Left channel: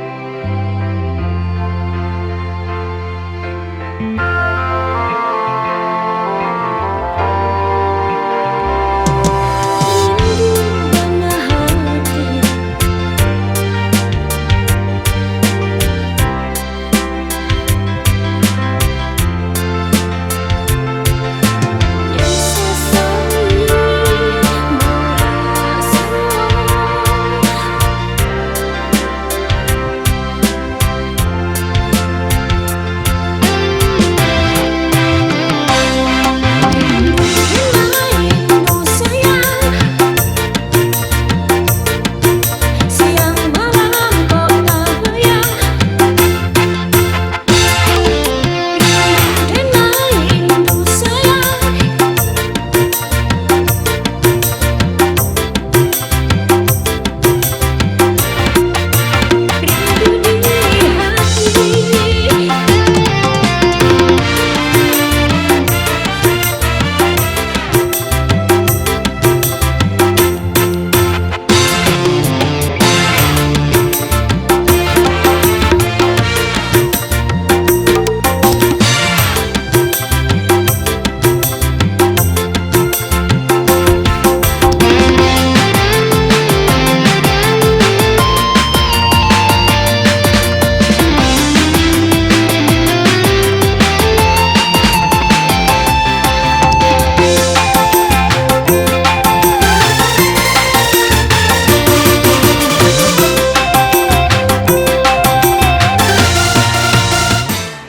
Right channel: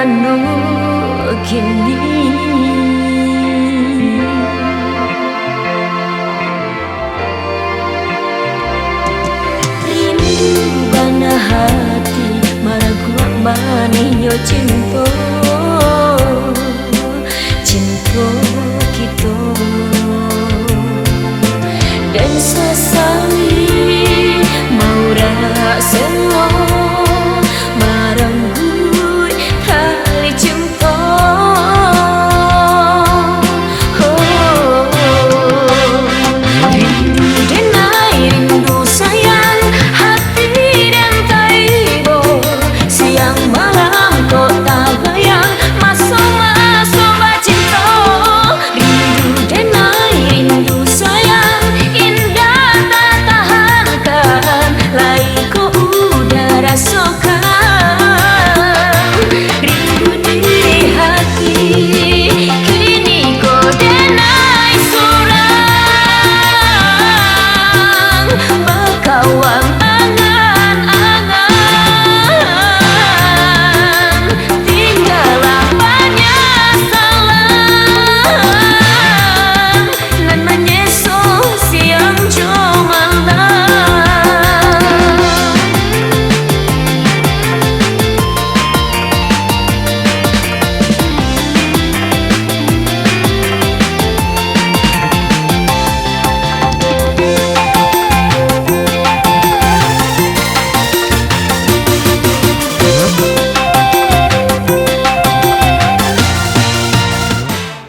anu kini rindu dana hati maraku maninyo cinta cinta kita dan sesali mau rasa marambut kali cinta rindu sayang hati dan taibo siang malam kota bayang masalah sobat cinta rindu sayang indah tak tahankan laiku udara sokan rindu di hati kini kau denai sorang berkawan angan-angan tinggallah banyak salah lan menyesu siang jomalan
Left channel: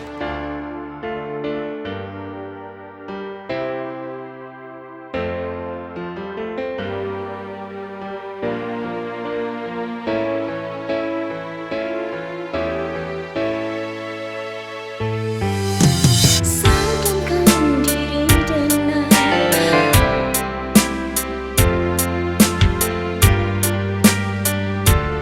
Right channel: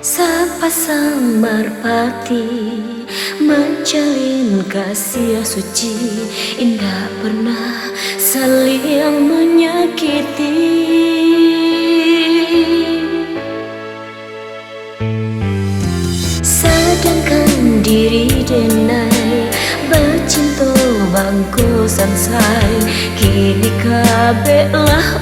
sepasang merpati menjalin kasih suci indah pernah saling menyakiti sedangkan diri denai bercinta bangku sansai kini kabeh lah